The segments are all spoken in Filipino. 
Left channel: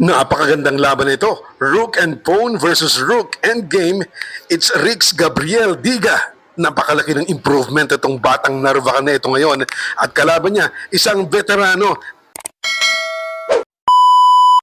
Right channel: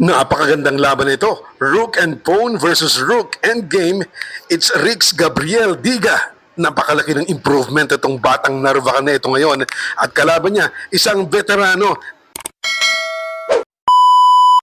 Napakagandang laban ito. Rook and Pawn versus Rook and Game. It's Rix Gabriel Diga. Napakalaki ng improvement itong batang Narvacan na ito ngayon. At kalaban niya, isang veterano.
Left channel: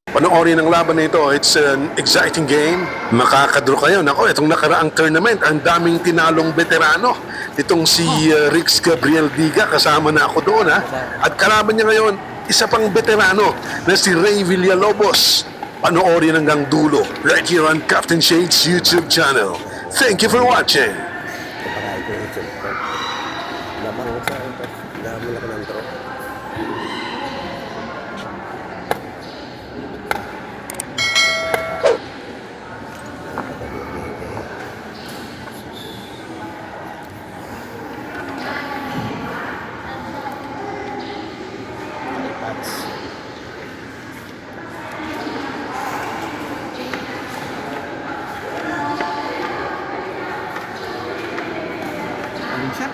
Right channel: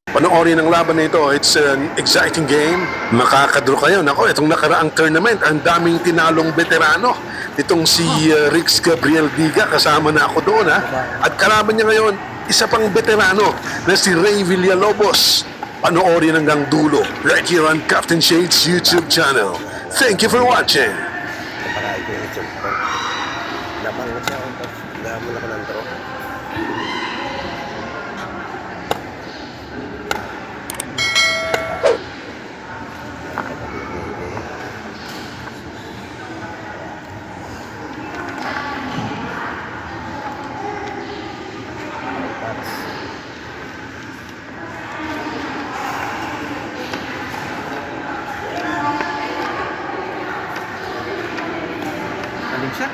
Panoorin ang laban na ito. It's an exciting game. Makakadro kayo. Nako, itong nakaraang tournament, ang daming tinalong veterano. Itong si Rix Gabriel Diga, kasama na ako doon ha. At kalaban niya ngayon, isa pang veterano na si Ray Villalobos. Panoorin hanggang dulo right here on Captain Shades YouTube channel. Thank you for watching. Pagkakain ko yung YouTube ko. Labang ko siya. Labang ako ng tro. Galing siya.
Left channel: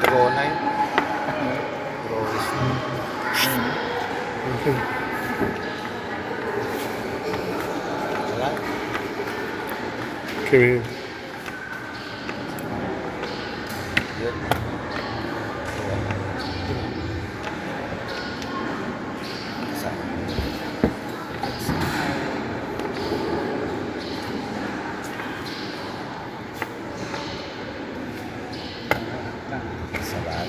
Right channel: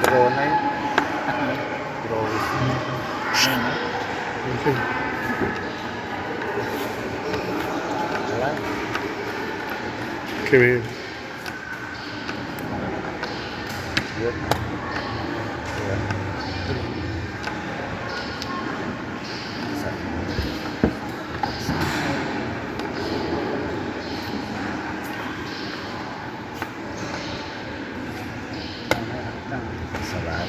Draw na yun. Draw is wala. Okay. Yun. Yun. Isa. Isa lang.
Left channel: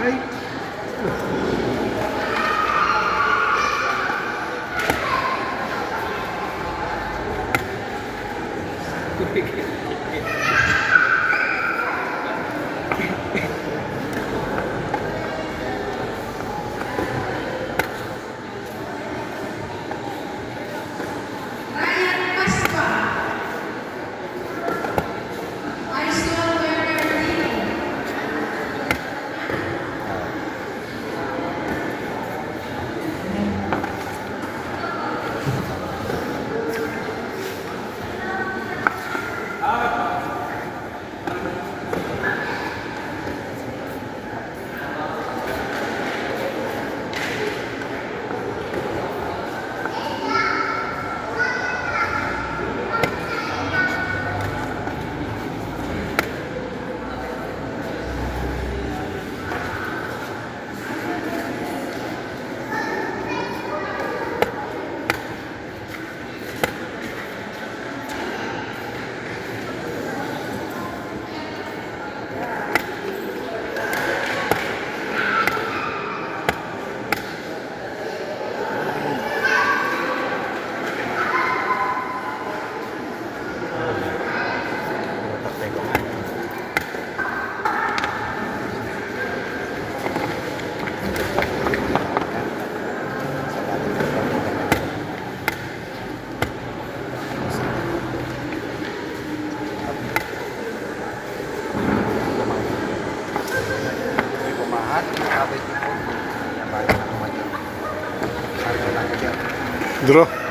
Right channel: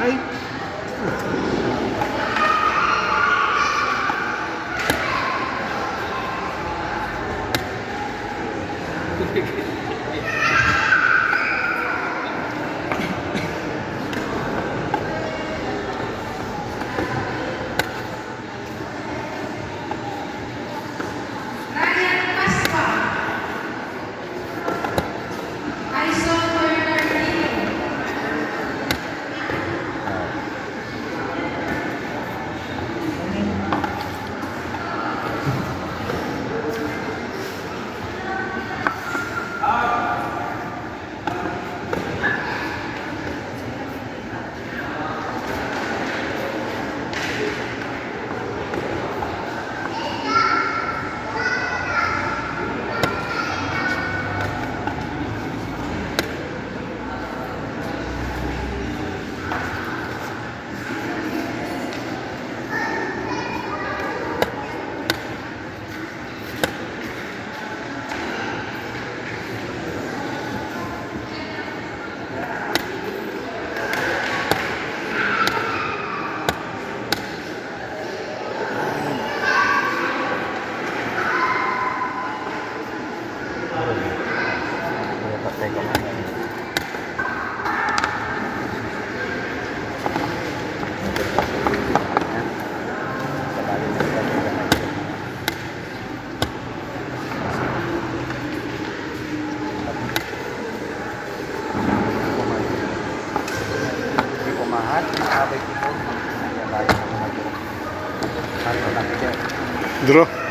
Ay! lahat. Sabay ko po. Kaya naman yun. Ano lang ko dyan. Draw.